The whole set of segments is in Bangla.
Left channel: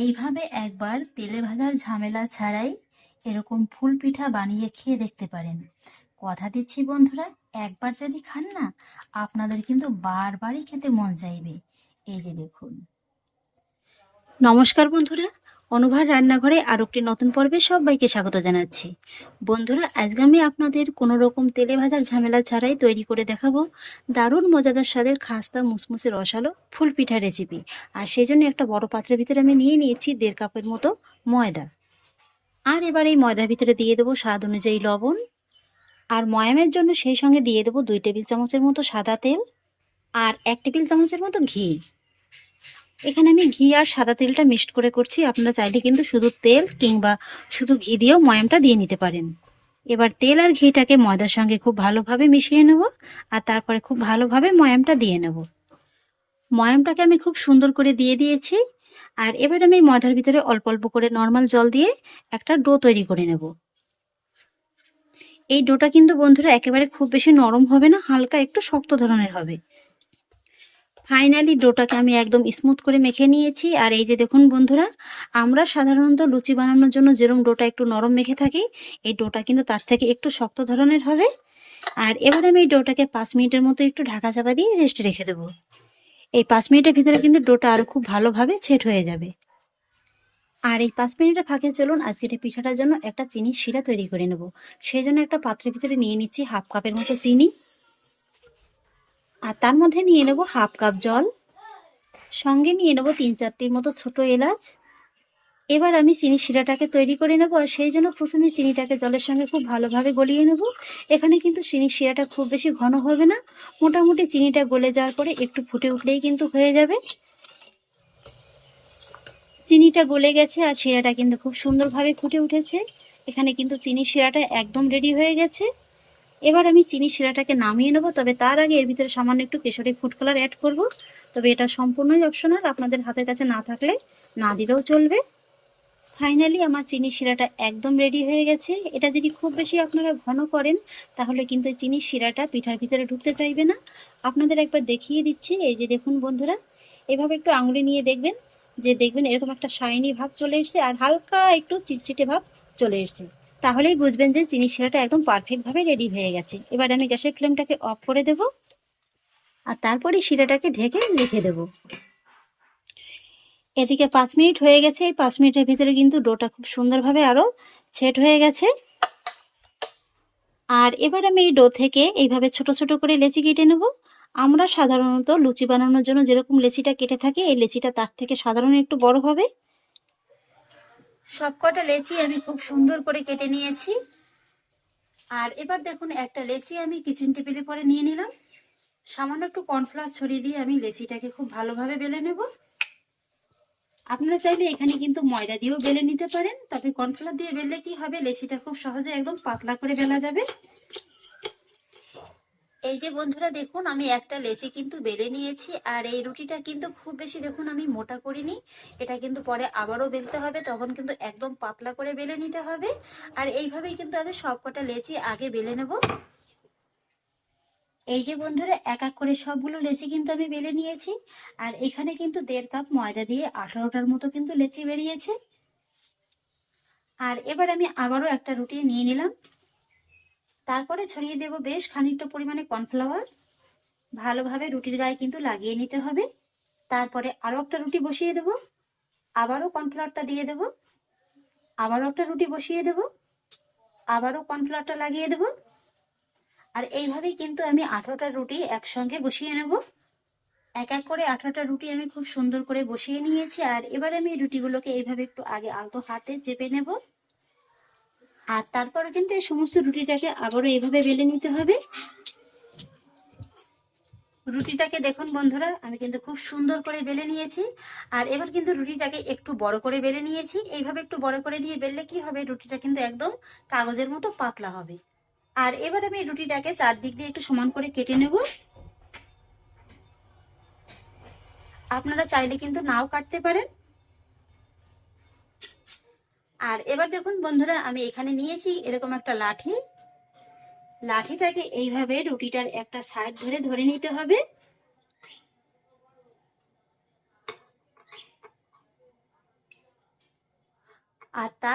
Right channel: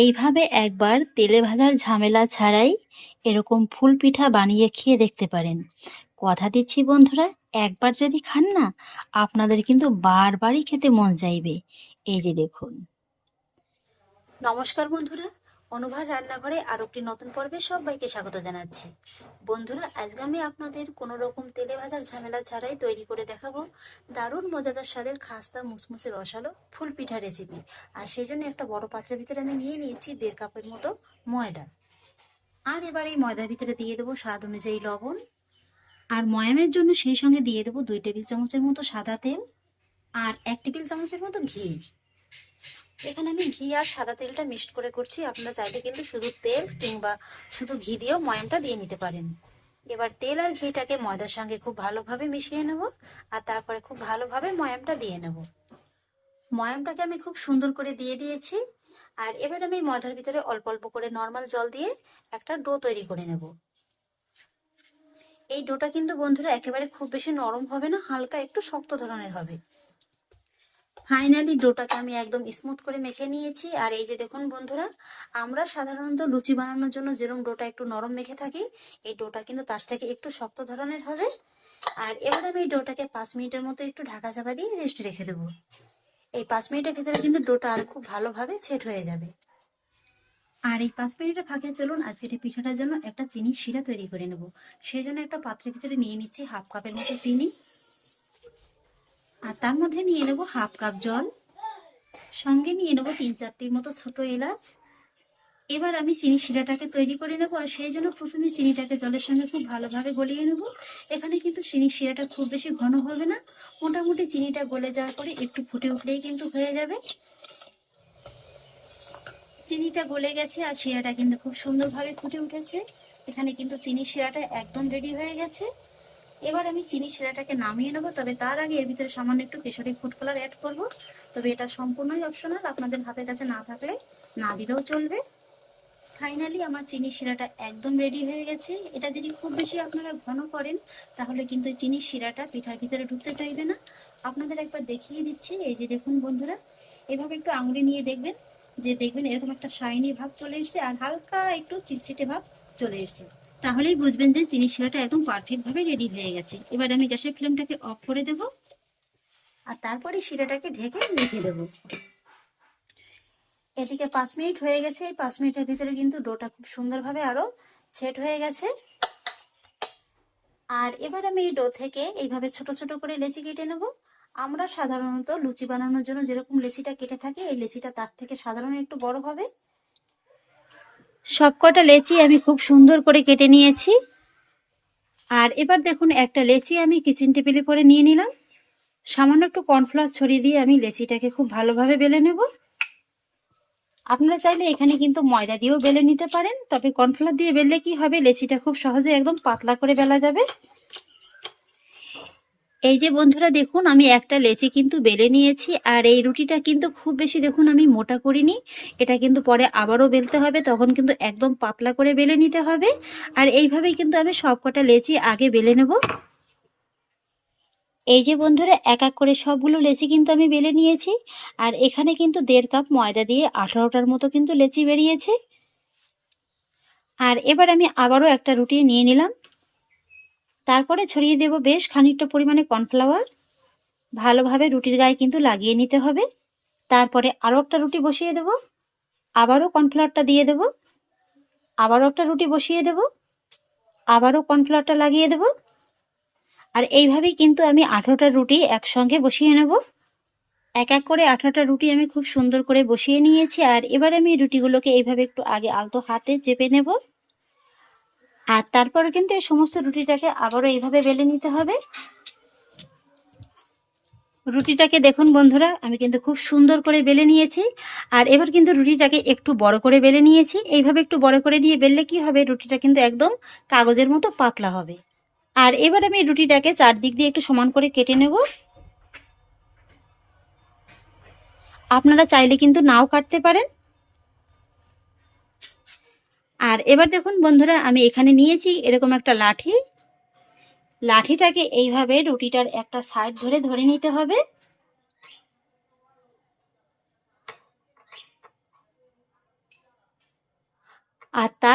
এইভাবে একবার তেলে ভাজার ঝামেলা ছাড়াই এরকম ফুল পিঠা বানিয়ে খেয়ে দেখতে পারেন। কথা দিচ্ছি বন্ধুরা, একবার যদি খান না, আপনাদের কিন্তু বারবারই খেতে মন চাইবে। এই যে দেখুন। নমস্কার বন্ধুরা, অনুভার রান্নাঘরে আরও একটি নতুন পর্বে সবাইকে স্বাগত জানাচ্ছি। বন্ধুরা, আজকে আমি আপনাদের কোনো রকম তেলে ভাজার ঝামেলা ছাড়াই তৈরি করে দেখাবো দারুণ মজাদার স্বাদের খাস্তা মুসমুসে রসালো ফুল পিঠা রেসিপি। আর সেই জন্য একটা বড় পাত্রের ভিতরে আমি নিয়ে নিয়েছি 1.5 কাপের মতো ময়দা। আর এবার এই ময়দার ভিতরে দিয়ে দেবো স্বাদ অনুযায়ী লবণ, আর ময়ামের জন্য সেই সঙ্গে দিয়ে দেবো 2 টেবিল চামচের মতো সাদা তেল আর 1 টেবিল চামচের মতো ঘি। এখানে আমি ঘি আর সাদা তেলটা মিক্সড করে করছি, আপনারা চাইলে কিন্তু শুধু তেল কিংবা শুধু ঘি দিয়েও ময়ামটা দিয়ে নিতে পারেন। এবার তেল আর ঘিটাকে ময়দার সঙ্গে খুব ভালোভাবে মিশিয়ে নেব, আর তারপরে খুব ভালোভাবে ময়ামটা দিয়ে নেব। ময়ামটাকে আমি খুব সুন্দর করে দিয়ে দিয়েছি। আর এবার আমি ময়দার ভিতরে অল্প অল্প করে নর্মাল জল দিয়ে একটা ডো তৈরি করে নেব। এই ডোটা কিন্তু বন্ধুরা একেবারে খুব বেশি নরম হবে না, হালকা একটু শক্ত ধরনের হবে। ফাইনালি ডোটাকে আমি একদম স্মুথ করে মেখে নিয়েছি। আর এই যে দেখুন বন্ধুরা, আমরা সাধারণত লুচি বানানোর জন্য যেরকম ডোটা একটু নরম মেখে থাকি, এই ডোটা কিন্তু তার থেকে একটু শক্ত ধরনের হবে। আর এবার আমি এই ডোটাকে 5 মিনিটের মতো একটু ঢাকা চাপা দিয়ে রেস্টে রেখে দেবো। এই 5 মিনিটের ভিতরে কিন্তু ডোটা আরও খুব ভালোভাবে সেট হয়ে যাবে। আর এই 5 মিনিটের ফাঁকে চলুন আজকের এই পিঠাটার জন্য একটা চিনির শিরা তৈরি করে নেব। সেই জন্য একটা পাত্রের ভিতরে নিয়ে নিচ্ছি 1/2 কাপের মতো চিনি, আর তার মধ্যে নিয়ে নেব 1/2 কাপ জল, সঙ্গে নিয়ে নেব 3-4টির মতো ছোট এলাচ। এবার আমি চিনি শিরাটাকে তৈরি করে নেব, আর সেই জন্য প্রথমে চিনিটাকে জলের সঙ্গে খুব ভালোভাবে গলিয়ে নেব। এখানে কিন্তু চিনির শিরাটা খুব বেশি ঘন হবে না, মোটামুটি চিনিটা গলে যাওয়ার পরে একটু ফুটে উঠলেই কিন্তু হয়ে যাবে। চিনিটা গলে গেছে আর শিরাটা কিন্তু খুব সুন্দরভাবে ফুটে উঠেছে। এখানে কিন্তু চিনির শিরাটা একদম রেডি হয়ে গেছে। এবার আমি চিনির শিরাটাকে নামিয়ে নেব, তবে তার আগে এর ভিতরে সামান্য একটু কেশরি ফুড কালার অ্যাড করব। তবে এটা সম্পূর্ণই অপশনাল, আপনাদের হাতের কাছে না থাকলে না দিলেও চলবে। ফাইনালি আমার চিনির শিরাটা একদম রেডি হয়ে গেছে। এটা যদি খুব বেশি আপনারা ঘন করেন তাহলে কিন্তু চিনির শিরাটা পিঠার ভিতরে ঢুকতে চাইবে না। আপনাদের একবার দেখিয়ে দিচ্ছি, এই যে দেখুন বন্ধুরা, এভাবে একটু আঙুলি নিয়ে দেখবেন, দেখবেন এরকম একটা শাইনি ভাব চলে এসেছে আর হালকা একটু চিটচিটে ভাব চলে এসেছে। তাহলেই বুঝবেন যে চিনির শিরাটা একদম পারফেক্টভাবে রেডি হয়ে গেছে। এবার আমি গ্যাসের ফ্লেমটাকে অফ করে দেব, আর তারপরে শিরাটাকে ঢেকে রেখে দেব। এদিকে 5 মিনিট হয়ে গেছে। এই 5 মিনিটের ভিতরে কিন্তু ডোটা খুব সুন্দরভাবে আরও সেট হয়ে গেছে। আর এবার আমি এই ডো থেকে এইভাবে ছোট ছোট করে লেচি কেটে নেব। আমরা সাধারণত লুচি বানানোর জন্য যেরকম লেচিটা কেটে থাকি, এই লেচিটা তার থেকে সাধারণ একটু বড় হবে। সবকটা লেচি আমি খুব সুন্দর করে কেটে নিয়েছি। আর এবার দেখুন, একটা লেচি আমি কিচেন টেবিলে করে নিয়ে নিলাম। সামান্য একটু কর্নফ্লাওয়ার ছড়িয়ে দিয়ে আমি লেচিটাকে খুব ভালোভাবে বেলে নেব। আপনারা চাইলে এখানে কিন্তু ময়দা দিয়েও বেলে নিতে পারেন, তবে কর্নফ্লাওয়ার দিয়ে বেললে কি হবে, লেচিটা খুব সহজে একদম পাতলা করে বেলা যাবে। এই যে বন্ধুরা দেখুন, আমি একটা লেচি কিন্তু বেলে নিয়েছি। আর এই রুটিটা কিন্তু খুব বেশি দেখুন আমি মোটা করিনি, এটা কিন্তু পরে আবারও বেলতে হবে, তখন কিন্তু একদম পাতলা করে বেলে নিতে হবে। আর এইভাবেই কিন্তু আমি সবকটা লেচি আগে বেলে নেব। এই যে বন্ধুরা, এক এক করে সবগুলো লেচি কিন্তু আমি বেলে নিয়েছি। আর এখানে কিন্তু 1.5 কাপ ময়দা দিয়ে 18টার মতো কিন্তু লেচি বেরিয়েছে। আর এবার আমি আবারও একটা রুটি নিয়ে নিলাম, তারপরে ছড়িয়ে দেব বেশ খানিকটা পরিমাণে কর্নফ্লাওয়ার। ভালোভাবে রুটির গায়ে কিন্তু লাগিয়ে নিতে হবে। তারপরে আরও একটা রুটি বসিয়ে দেব, আবারও কর্নফ্লাওয়ারটা দিয়ে দেব, আবারও একটা রুটি বসিয়ে দেব, আবারও কর্নফ্লাওয়ারটা লাগিয়ে দেব। আর এইভাবেই কিন্তু আমি 18টা রুটি একসঙ্গে বসিয়ে নেব। এক এক করে 18টা রুটি আমি খুব সুন্দর করে বসিয়ে নিয়েছি। আর এবার আমি রুটিগুলোকে এইভাবে একটু আগে আলতো হাতে চেপে নেব। আর তারপরে কিন্তু এই সমস্ত রুটিটাকে আবারও এইভাবে বেলে নিতে হবে। রুটিটাকে দেখুন বন্ধুরা, আমি কিন্তু খুব সুন্দর করে বেলে নিয়েছি। আর এবার কিন্তু রুটিটাকে একটু বড় করে বেলে নিয়েছি। এইভাবে একটু বড় করে দিয়ে বেললে কি হবে, রুটিটা কিন্তু একদম কাগজের মতো পাতলা হবে। আর এবার আমি রুটিটাকে চারদিক দিয়ে একটু সমান করে কেটে নেব। আপনারা চাইলে কিন্তু নাও কাটতে পারেন। আর এবার দেখুন বন্ধুরা, আমি এখানে নিয়েছি এরকম একটা লাঠি। লাঠিটাকে এইভাবে রুটিটার একটা সাইড ধরে ধরে নিতে হবে।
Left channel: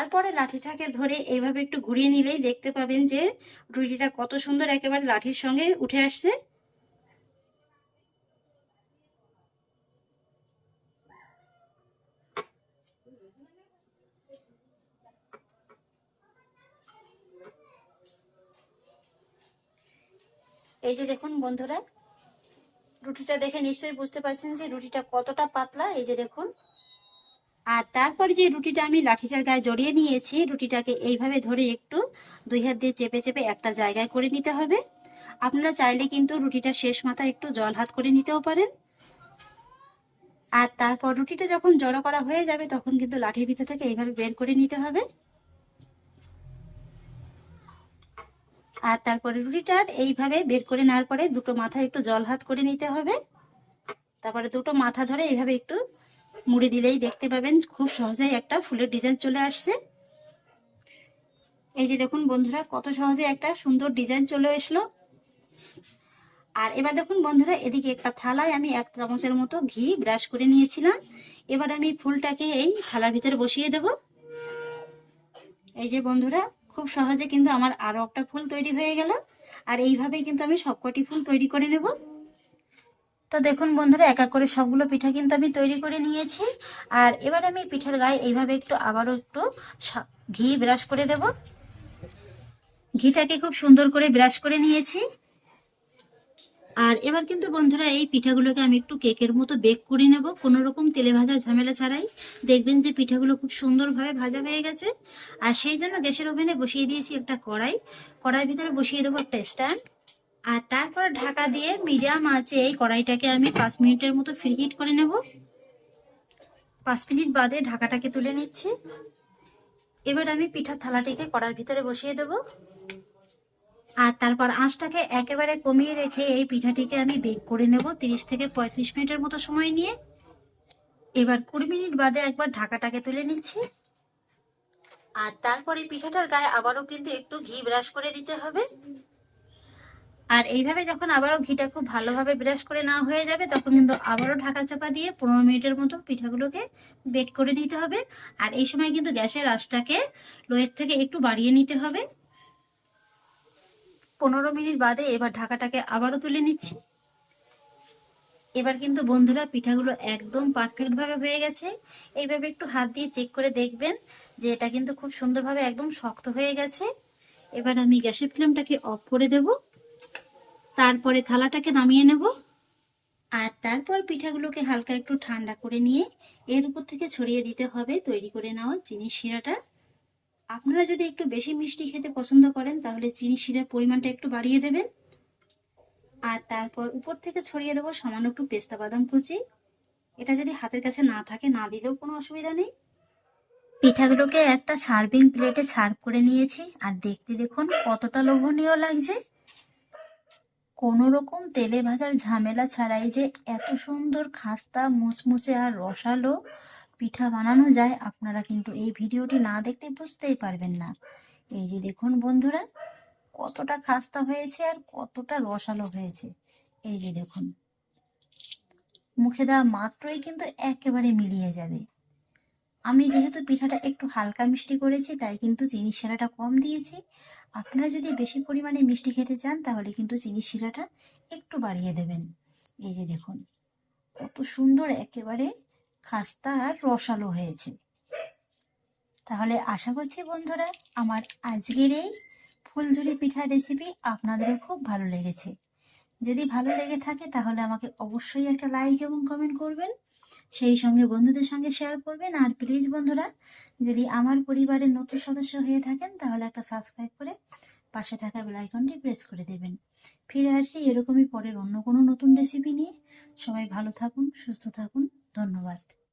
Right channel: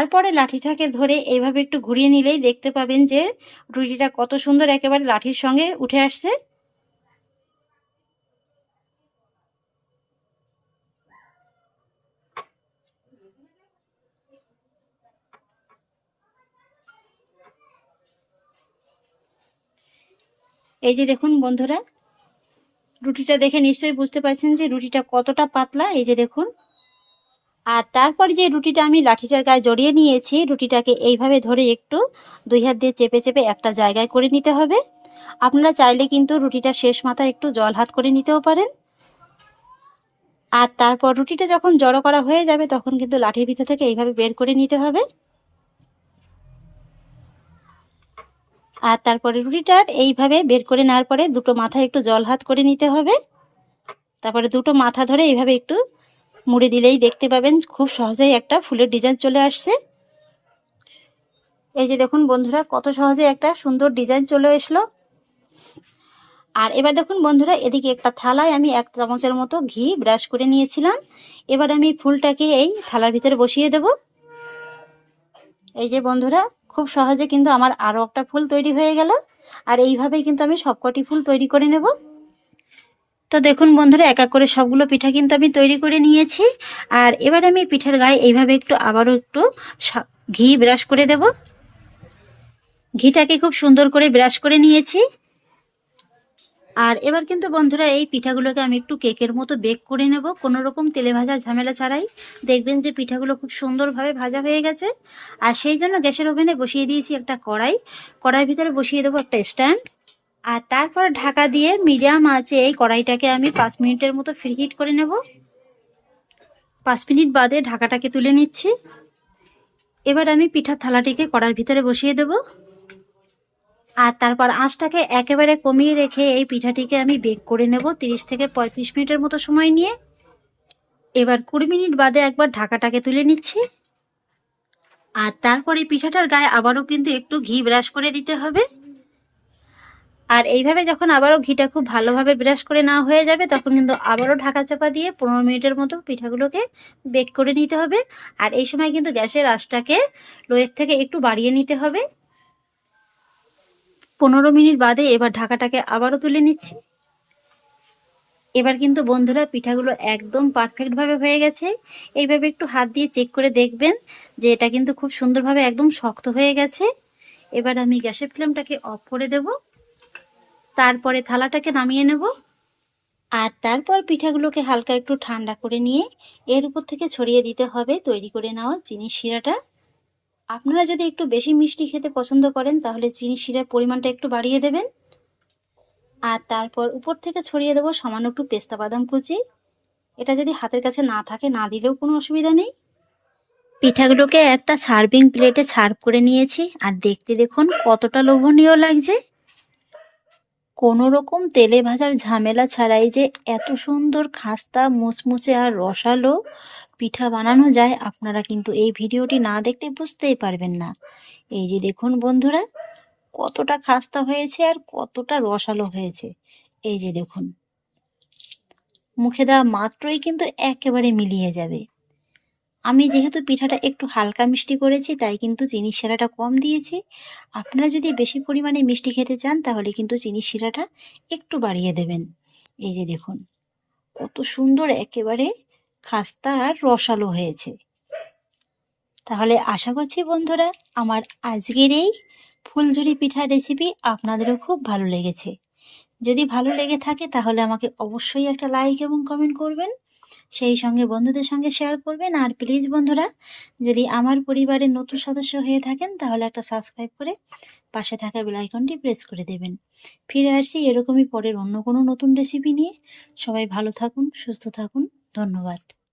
তারপরে লাঠিটাকে ধরে এইভাবে একটু ঘুরিয়ে নিলেই দেখতে পাবেন যে রুটিটা কত সুন্দর একেবারে লাঠির সঙ্গে উঠে আসছে। এই যে দেখুন বন্ধুরা, রুটিটা দেখে নিশ্চয়ই বুঝতে পারছেন যে রুটিটা কতটা পাতলা। এই যে দেখুন। আর তারপরে যে রুটিটা আমি লাঠিটার গায়ে জড়িয়ে নিয়েছি, রুটিটাকে এইভাবে ধরে একটু 2 হাত দিয়ে চেপে চেপে একটা জায়গায় করে নিতে হবে। আপনারা চাইলে কিন্তু রুটিটার শেষ মাথায় একটু জল হাত করে নিতেও পারেন। আর তারপর রুটিটা যখন জড়ো করা হয়ে যাবে তখন কিন্তু লাঠির ভিতর থেকে এইভাবে বের করে নিতে হবে। আর তারপরে রুটিটার এইভাবে বের করে নেওয়ার পরে দুটো মাথায় একটু জল হাত করে নিতে হবে। তারপরে দুটো মাথা ধরে এইভাবে একটু মুড়ে দিলেই দেখতে পাবেন খুব সহজেই একটা ফুলের ডিজাইন চলে আসছে। এই যে দেখুন বন্ধুরা, কত সহজে একটা সুন্দর ডিজাইন চলে আসলো। আর এবার দেখুন বন্ধুরা, এদিকে একটা থালায় আমি 1 চামচের মতো ঘি ব্রাশ করে নিয়েছিলাম। এবার আমি ফুলটাকে এই থালার ভিতরে বসিয়ে দেব। এই যে বন্ধুরা, খুব সহজে কিন্তু আমার আরও একটা ফুল তৈরি হয়ে গেল। আর এইভাবেই কিন্তু আমি সবকটি ফুল তৈরি করে নেব। তো দেখুন বন্ধুরা, এক এক করে সবগুলো পিঠা কিন্তু আমি তৈরি করে নিয়েছি। আর এবার আমি পিঠার গায়ে এইভাবে একটু আবারও একটু ঘি ব্রাশ করে দেব। ঘিটাকে খুব সুন্দর করে ব্রাশ করে নিয়েছি। আর এবার কিন্তু বন্ধুরা, এই পিঠাগুলোকে আমি একটু কেকের মতো বেক করে নেব, কোনো রকম তেলে ভাজার ঝামেলা ছাড়াই। দেখবেন যে পিঠাগুলো খুব সুন্দরভাবে ভাজা হয়ে গেছে। আর সেই জন্য গ্যাসের ওভেনে বসিয়ে দিয়েছি একটা কড়াই। কড়াইয়ের ভিতরে বসিয়ে দেবো একটা স্ট্যান্ড। আর তারপর ঢাকা দিয়ে মিডিয়াম আঁচে এই কড়াইটাকে আমি 5 মিনিটের মতো ফ্রিহিট করে নেব। 5 মিনিট বাদে ঢাকাটাকে তুলে নিচ্ছি। এবার আমি পিঠার থালাটিকে কড়াইয়ের ভিতরে বসিয়ে দেব। আর তারপর আঁচটাকে একেবারে কমিয়ে রেখে এই পিঠাটিকে আমি বেক করে নেব 30 থেকে 35 মিনিটের মতো সময় নিয়ে। এবার 20 মিনিট বাদে একবার ঢাকাটাকে তুলে নিচ্ছি। আর তারপরে পিঠাটার গায়ে আবারও কিন্তু একটু ঘি ব্রাশ করে দিতে হবে। আর এইভাবে যখন আবারও ঘিটা খুব ভালোভাবে ব্রাশ করে নেওয়া হয়ে যাবে তখন কিন্তু আবারও ঢাকা চাপা দিয়ে 15 মিনিটের মতো পিঠাগুলোকে বেক করে নিতে হবে। আর এই সময় কিন্তু গ্যাসের আঁচটাকে লোয়ের থেকে একটু বাড়িয়ে নিতে হবে। 15 মিনিট বাদে এবার ঢাকাটাকে আবারও তুলে নিচ্ছি। এবার কিন্তু বন্ধুরা, পিঠাগুলো একদম পারফেক্টভাবে হয়ে গেছে। এইভাবে একটু হাত দিয়ে চেক করে দেখবেন যে এটা কিন্তু খুব সুন্দরভাবে একদম শক্ত হয়ে গেছে। এবার আমি গ্যাসের ফ্লেমটাকে অফ করে দেব। তারপরে থালাটাকে নামিয়ে নেব। আর তারপর পিঠাগুলোকে হালকা একটু ঠান্ডা করে নিয়ে এর উপর থেকে ছড়িয়ে দিতে হবে তৈরি করে নেওয়া চিনির শিরাটা। আপনারা যদি একটু বেশি মিষ্টি খেতে পছন্দ করেন তাহলে চিনির শিরার পরিমাণটা একটু বাড়িয়ে দেবেন। আর তারপর উপর থেকে ছড়িয়ে দেবো সামান্য একটু পেস্তা বাদাম কুচি। এটা যদি হাতের কাছে না থাকে না দিলেও কোনো অসুবিধা নেই। পিঠাগুলোকে একটা সার্ভিং প্লেটে সার্ভ করে নিয়েছি। আর দেখতে দেখুন কতটা লোভনীয় লাগছে। কোনো রকম তেলে ভাজার ঝামেলা ছাড়াই যে এত সুন্দর খাস্তা মুচমুচে আর রসালো পিঠা বানানো যায়, আপনারা কিন্তু এই ভিডিওটি না দেখলে বুঝতেই পারবেন না। এই যে দেখুন বন্ধুরা, কতটা খাস্তা হয়েছে আর কতটা রসালো হয়েছে। এই যে দেখুন, মুখে দেওয়া মাত্রই কিন্তু একেবারে মিলিয়ে যাবে। আমি যেহেতু পিঠাটা একটু হালকা মিষ্টি করেছি তাই কিন্তু চিনির শিরাটা কম দিয়েছি। আপনারা যদি বেশি পরিমাণে মিষ্টি খেতে চান তাহলে কিন্তু চিনির শিরাটা একটু বাড়িয়ে দেবেন। এই যে দেখুন কত সুন্দর একেবারে খাস্তা আর রসালো হয়েছে। তাহলে আশা করছি বন্ধুরা, আমার আজকের এই ফুলঝুরি পিঠার রেসিপি আপনাদেরও খুব ভালো লেগেছে। যদি ভালো লেগে থাকে তাহলে আমাকে অবশ্যই একটা লাইক এবং কমেন্ট করবেন, সেই সঙ্গে বন্ধুদের সঙ্গে শেয়ার করবেন। আর প্লিজ বন্ধুরা, যদি আমার পরিবারের নতুন সদস্য হয়ে থাকেন তাহলে একটা সাবস্ক্রাইব করে পাশে থাকা বেল আইকনটি প্রেস করে দেবেন। ফিরে আসছি এরকমই পরের অন্য কোনো নতুন রেসিপি নিয়ে। সবাই ভালো থাকুন, সুস্থ থাকুন। ধন্যবাদ।